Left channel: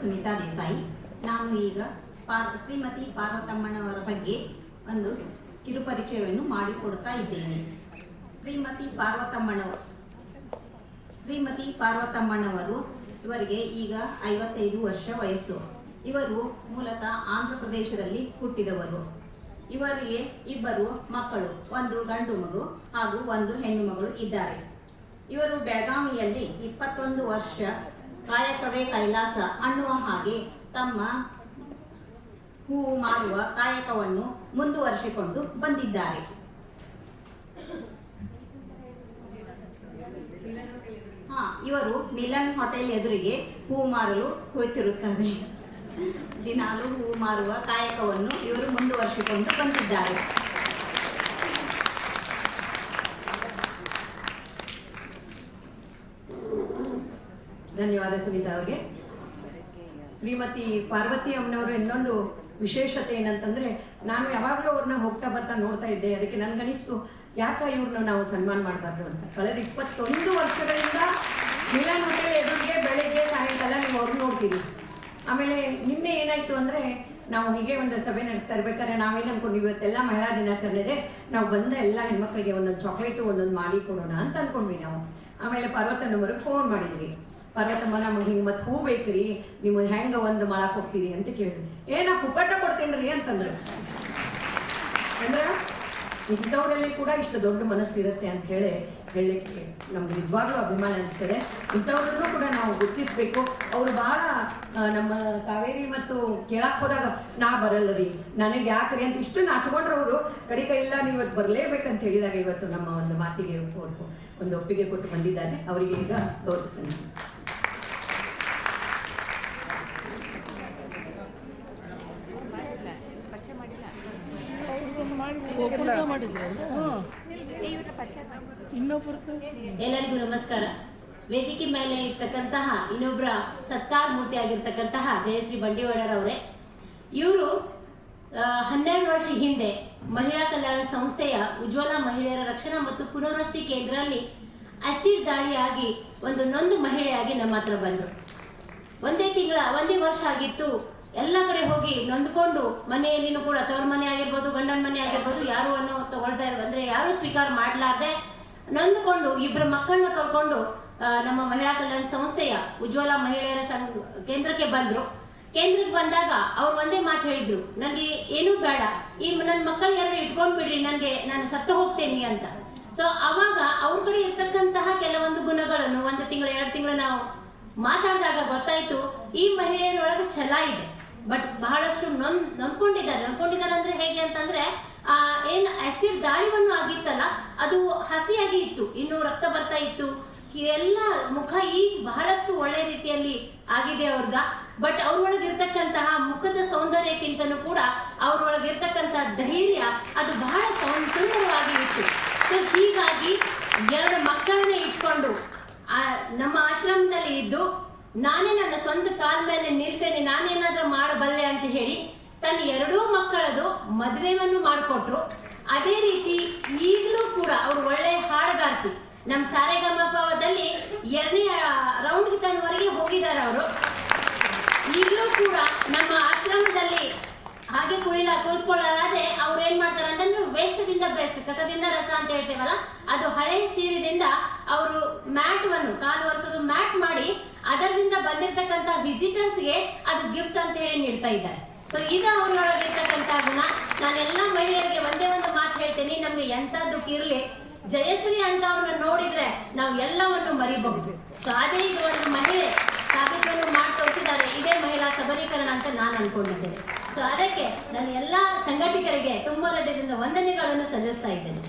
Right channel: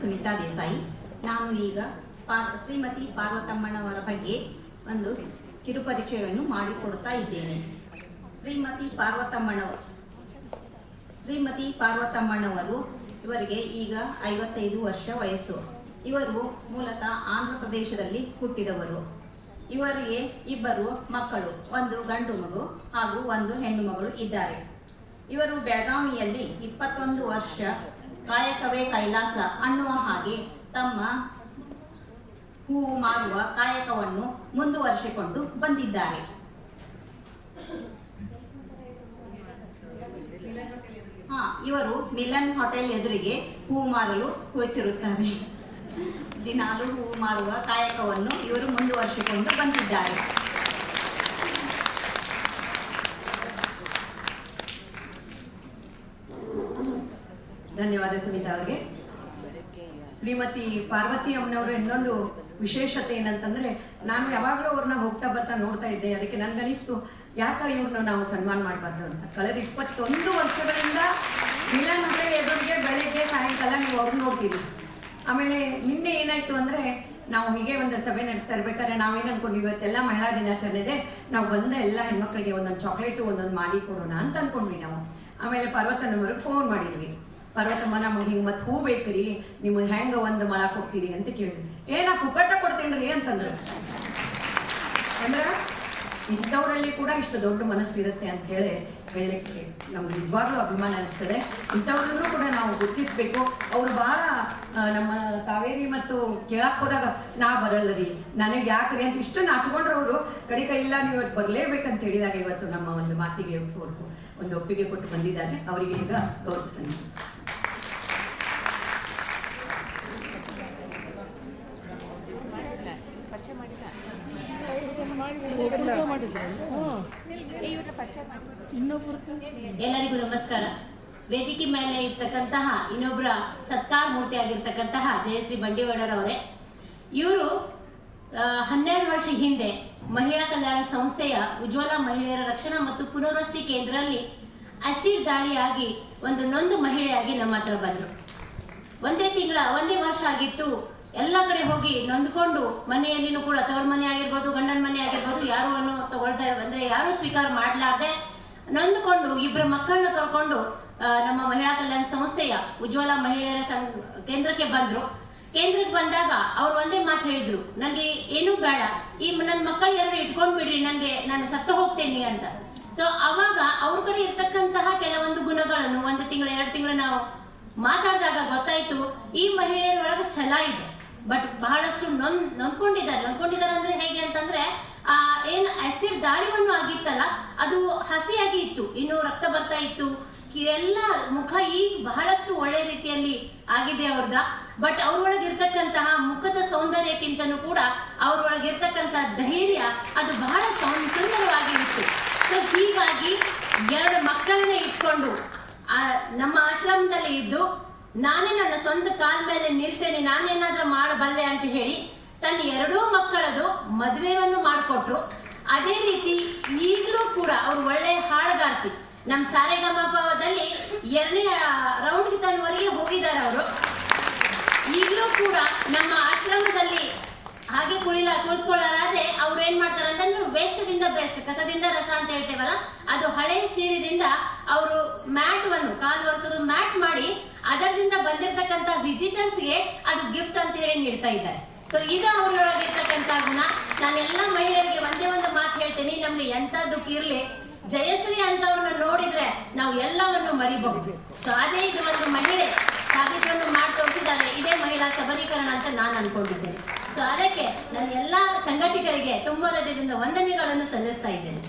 ಸುನೀತಾ ದೇಸಾಯಿ. ನಾನು ಈಗ ಪಾರ್, ಶ್ರೀಮತಿ ಪಾರ್ವತಮ್ಮನವರ ಬಗ್ಗೆ ಒಂದು ಕಿರುಪರಿಚಯವನ್ನು ಮಾಡಿಕೊಡ್ತಾ ಇದ್ದೇನೆ. ಶ್ರೀಮತಿ ಪಾರ್ವತಮ್ಮನವರು ಶ್ರೀಮತಿ ಪಾರ್ವತಮ್ಮನವರು ಇವರಿಗೆ ಈಗ ಐವತ್ತೈದು ವರ್ಷ ವಯಸ್ಸು. ಇವರು ಮೂಲತಃ ಆಂಧ್ರ ಪ್ರದೇಶದಲ್ಲಿ ಹುಟ್ಟಿದವರು. ಇವರಿಗೆ ಇಬ್ಬರು ಮಕ್ಕಳು, ಒಂದು ಗಂಡು ಮಗು ಹಾಗೂ ಒಂದು ಹೆಣ್ಣು ಮಗಳು ಇದ್ದಾರೆ. ಇವರು ಬೆಳಗಾವಿಯಲ್ಲಿ ಇಪ್ಪತ್ತೊಂದು ವರ್ಷ ಕಾಯಕವೇ ಕೈಲಾಸ ಅನ್ನುವ ಹಾಗೆ ತಮ್ಮ ಹೂವು ಮಾಡುವ ಕಾಯಕವನ್ನು ಮುಂದುವರಿಸಿಕೊಂಡು ಬಂದಿದ್ದಾರೆ. ಹಾ, ಇವರು ಮಿಲನ್ ಹೋಟೆಲ್ ಎದುರಿಗೆ ಹೂವು ಮಾರಲು ಕುಳಿತಿರುತ್ತಾರೆ. ದಿನಾಲು ಹೂವು ಮಾರುವ ಕಾಯಕವನ್ನು ಇವರು ಮುಂದುವರಿಸಿಕೊಂಡು ಬಂದಿದ್ದಾರೆ. ಧನ್ಯವಾದ ಸುಮಿತಾ ಅವರಿಗೆ. ಶ್ರೀಮತಿ ಪಾರ್ವತಿ ಅಮ್ಮನವ್ರ ಇನ್ನೊಂದು ವಿಶೇಷತೆ ಏನಂತಂದ್ರೆ, ನಾನು ಯಾವಾಗಲೂ ಅವ್ರನ್ನ ಹೋಗ್ತಾ ಬರ್ತಾ ನೋಡ್ತಾ ಇದ್ದೆ. ಅದಕ್ಕೆ ನನ್ಗನಿಸ್ತು, ಯಾಕ ಇವ್ರನ್ನ ನಾವು ಸನ್ಮಾನ ಮಾಡಬಾರ್ದು ಅಂತ. ಕಳೆದ ಇಪ್ಪತ್ತೊಂದು ವರ್ಷಗಳಿಂದ ಹೋಟೆಲ್ ಎದುರಿಗೆ ಬೆಳಗ್ಗೆ ಸಾಯಂಕಾಲ ನೀವು ಅವ್ರನ್ನ ನೋಡ್ತೀವಿ ಆಮೇಲೆ ನಿನ್ನೆ ಏನಾಯ್ತು ಅಂದ್ರೆ, ನಾವು ಹೀಗೆ ಒಂದು ಸಭೆ ನಡೆಸ್ತಾ ಇರ್ಬೇಕಾದ್ರೆ ನಾವೇನ್ ಅನ್ಕೊಂಡು ಇವತ್ತೆಲ್ಲ ಮಹಿಳಾ ದಿನಾಚರಣೆ ಇದೆ. ನಾವು ಬಂದ ಎಲ್ಲ ಹೆಣ್ಮಕ್ಳಿಗೆ ಒಂದೊಂದು ಚಾಕ್ಲೇಟು, ಒಂದೊಂದು ಮಾಲಿ ಕೊಡೋಣ ಅಂತ ಅನ್ಕೊಂಡ್ವಿ ನಾವು. ಆಮೇಲೆ ಪರ್ವತನವರಿಗೆ ಫೋನ್ ಮಾಡಿದ್ವಿ. ಪರ್ವತಮ್ಮ ನಮ್ಗೆ ಹಿಂಗೆ ಮತ್ತೆ ಹೂ ಬೇಕ್ರಿ? ನಿಮಗೆ ಹೆಂಗ ಒಂದು ಮಳಕ್ ಹೋಗ್ತೀರಿ ಅಂತ ಕೇಳಿದ್ರಿ ಏ ನಾ ಪುಕ್ಕಟ್ಟ ಕೊಡ್ತೀನಿ ಅಂತಂದ್ರೆ. ಅಂದ್ರೆ ಇಂಥವರಲ್ಲಿ ಕೂಡ ಇಷ್ಟು ದೊಡ್ಡ ಮನಸ್ಸು ಇರುತ್ತೆ ಅಂತ ಹೇಳಿ ಹೇಳಲಿಕ್ಕೆ ನಮ್ಗೆ ನಿಜವಾಗ್ಲೂ ಅಭಿಮಾನ ಅನಿಸ್ತದೆ. ಇಂಥವ್ರನ್ನೂ ಕೂಡ ನಾವು ಗುರ್ತಿಸ್ಬೇಕು. ಅವರು ಬಹಳ ನಮ್ಮ ಕಾವೇರಿ ಮತ್ತು ಕೇಳಕ್ ಹೋದಾಗ, ನಾ ಬರಲ್ಲ ರೀ, ನನಗೆ ಯಾಕ್ರಿ ಅಂತ ಇಷ್ಟು ನಾಚ್ಕೊಂಡ್ರು ಅವರು ಕಡಿಕ ಇಲ್ಲ, ನೀವು ಇವತ್ತು ಬರಲೇಬೇಕಂತ ಹೇಳಿದಾಗ ಇವತ್ತು ನಮ್ಮ ಒಂದು ಮಾತಿಗೆ ಒಂದು ಒಪ್ಪಿಗೆ ಕೊಟ್ಟು ಬಂದಿದ್ದಾರೆ. ಅವರಿಗೆ ಈಗ ಗೌರವಿಸಲಿ ಎಲ್ಲರಿಗೂ ನಮಸ್ಕಾರ. ವೇದಿಕೆ ಮೇಲೆ ಇರ್ತಕ್ಕಂತಹ ಇನ್ನೊಬ್ಬರ ಸತ್ಕಾರ ಮೂರ್ತಿ ಆಗಿರ್ತಕ್ಕಂತಹ ಜಯಶ್ರೀ ಬಂಡಿವಾಡರವರೇ. ಇವರು ಹನ್ನೆರಡು ವರ್ಷ ಹಿಂದೆ ಮಹಿಳಾ ಕಲ್ಯಾಣ ಸಂಸ್ಥೆಯ ಉಜ್ವಲ ಮಹಿಳೆಯರ ರಕ್ಷಣಾ ಮತ್ತು ಪುನರ್ವಸತಿ ಕೇಂದ್ರದಲ್ಲಿ ಅಸಿಡ್ ದಾಳಿಯಾಗಿ ಒಂದು ನೊಂದು ಮಹಿಳೆಯಾಗಿ ನಮ್ಮ ಹತ್ರ ಬಂದರು. ಒಂದೇ ತಿಂಗಳ, ಒಂದೇ ವರ್ಷ ಆಗಿತ್ತು. ಎಲ್ಲ ಕಡೆ ಹೋಗಿ ನೊಂದ್ಕೊಂಡು ಮನೆಯಲ್ಲಿನೂ ಕೂಡ ತವರ ಮನೆ ಆಗಿರ್ಬೋದು, ಗಂಡನ ಯಾರು ಅನ್ನೋ ತಗೊಳ್ತಾ ಅಂದ್ರೆ ಯಾರು ಸ್ವೀಕಾರ ಮಾಡ್ಲಾರ್ದೆ ನೊಂದ್ಕೊಂಡು ಇಬ್ಬರ ಮಕ್ಕಳನ್ನ ಕರ್ಕೊಂಡು ನಮ್ಮ ಮಹಿಳಾ ಕಲ್ಯಾಣ ಸಂಸ್ಥೆಯ ಉಜ್ವಲ ಮಹಿಳೆಯರ ಸಂಘ, ಕೇಂದ್ರಕ್ಕೆ ಬಂದ್ರು. ಕೇಂದ್ರಕ್ಕೆ ಬಂದಾಗ ಅವ್ರು ಒಂದೇ ಮಾತು ಹೇಳಿದ್ರು ನನಗೆ ಏನೂ ಬೇಡ. ಈ ನನ್ನ ಮಕ್ಕಳು ಯಾರು ಇಟ್ಕೊಂಡ್ ಬಿಡ್ರಿ, ನನಗೆ ನಾನು ಸತ್ತು ಹೋಗ್ತೇನೆ ಅಂತ. ಸೊ ಅವಾಗ ಅವ್ರ ಕಡೆ ಇರ್ತಕ್ಕಂತಹ ಕೆಲವೊಂದು ಗುಣಗಳನ್ನು, ಒಂದು ತಿಂಗಳು, ಎರಡು ತಿಂಗಳು ನಾವು ಮಾತಾಡಿದಾಗ ಗೊತ್ತಾಯ್ತು, ಈ ಮಹಿಳೆಯರೊಳಗೆ ಛಲ ಇದೆ. ಬಟ್ ಬಹಳಷ್ಟು ನೊಂದ್, ನೊಂದ್ಕೊಂಡಿದ್ದಾರೆ. ನೊಂದ್ಕೊಂಡಿದ್ದಾರೆ ಅಂದ್ರೆ ಹೇಗೆ ಅಂತಂದ್ರೆ ಏನ್ ಆಸಿಡ್ ದಾಳಿವನ್ನು ಆಗಿತ್ತಲ್ಲ, ಅದು ಹಸಿಯಾಗಿ ಇತ್ತು, ಇನ್ನು ರಕ್ತ ಬರ್ತಾ ಇತ್ತು. ಎಲ್ಲ ಮುಖ ಈಗ ಬಹಳಷ್ಟು ಒಳ್ಳೆ ರೀತಿಯಲ್ಲಿ ಆಗಿದೆ ಅವ್ರದ. ಬಟ್ ಅವ್ರೊಳಗೆ ಇರ್ತಕ್ಕಂತಹ ಮುಖದ ಸೌಂದರ್ಯಕ್ಕಿಂತನೂ ಕೂಡ ಅವ್ರೊಳಗೆ ಧೈರ್ಯ, ಅದು ಬಹಳ ಸುಂದರವಾಗಿ ಇತ್ತು. ಸೊ ಹೀಗಾಗಿ ಎರಡು ಮಕ್ಕಳನ್ನ ಇಟ್ಕೊಂಡು, ಆ, ನಮ್ಮ ಆಶ್ರಮದಲ್ಲಿ ಇದ್ದು, ನಾನೇ ನನ್ನ ಸ್ವಂತ ಕಾಲ ಮೇಲೆ ನಿಲ್ತೇನೆ, ನಾನೇನಾದ್ರೂ ಮಾಡಬಲ್ಲೆ ಅಂತ ಹೇಳಿ ತನ್ನ ಎರಡೂ ಮಕ್ಕಳದು ಮದುವೆಯನ್ನು ಮಾಡಿಕೊಟ್ರು. ಅದೇ ರೀತಿ ಈಗಲೂ ಕೂಡ ಅವರು ಒಳ್ಳೆ ಹಾಡುಗಾರ್ತಿ. ನಮ್ಮ ಸಾರೆಗಮಪದಲ್ಲಿ ಎರಡನೇ ರೌಂಡ್ ತನ್ನವರೆಗೆ ಹೋಗಿದ್ದಾರೆ ಅವರು. ಈಗಲೂ ಕೂಡ ನಮ್ಮ ಆಶ್ರಮದಲ್ಲಿ ಹಾಗೆ ಕುಳಿಲ ಕುಳಿತುಕೊಳ್ಳಲಾದ್ರೆ ಅವ್ರು ಏನ್ ಮಾಡ್ತಾರೆ ನೀವು ವೇಸ್ಟ್ದಿಂದ ಬೆಸ್ಟ್ ಕಸದಿಂದ ರಸ ಅಂತ ಹೇಳ್ತೇವಲ್ಲ, ಅದು ಹಳೆ ಸೀರೆದಿಂದ ಅವರು ಮ್ಯಾಟ್ ಒಂದು ಕಾಲು ಒರೆಸೋದು ಮ್ಯಾಟ್ ಮಾಡಿ ಅದರಿಂದ ಬಂದಿರತಕ್ಕಂತ ವಿಸಿಟರ್ಸ್ಗೆ ಅದು ಗಿಫ್ಟ್ ಅಂತ ಹೇಳಿ ನೀಡ್ತಾ ಇದ್ದಾರೆ. ಸೊ ಇದೇ ಊರಿನೊಳಗೆ ಇರ್ತಕ್ಕಂತ ಗುಣ ನಾನೆಲ್ಲ ಮಹಿಳೆಯರಿಗೆ ಒಂದೇ ಒಂದು ಮಾತು ಹೇಳ್ತೀನಿ, ನಮ್ಗೆ ಎಂತದ್ದು ಇರ್ಲಿ ಜಯಶ್ರೀ ಅಂತವನ್ನ ನೋಡಿದ್ರೆ ನಾವು ಎಲ್ಲವನ್ನು ಮರಿಬಹುದು. ಸೊ ಅದೇ ಇದು ಒಂದು ಮಹಿಳೆ ಸಾಬೀತನ್ನು ಮಾಡಿ ತೋರಿಸಿದ್ದಾರೆ, ಇದೇ ಮಹಿಳಾ ಸಬಲೀಕರಣ ಅಂತ ನಾನು ಅನ್ಕೊಂಡಿದ್ದೇನೆ. ಸೊ ಅದಕ್ಕೆ ನಾನು ಎಲ್ಲ ಸಂಘಟಕರಿಗೆ ತುಂಬ ಹೃದಯದಿಂದ ವಂದನೆಗಳನ್ನು ಸಲ್ಲಿಸ್ತಾ ಇದ್ದೇನೆ.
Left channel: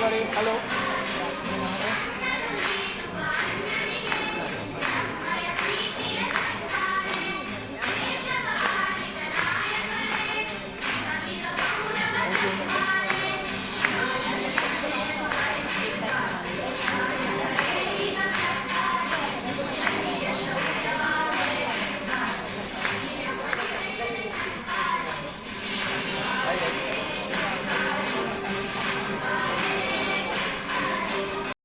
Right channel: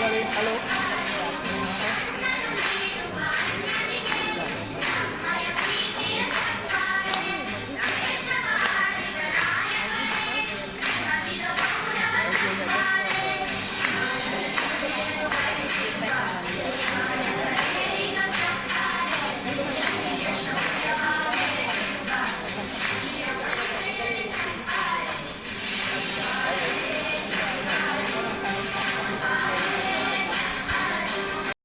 Hello. Hello.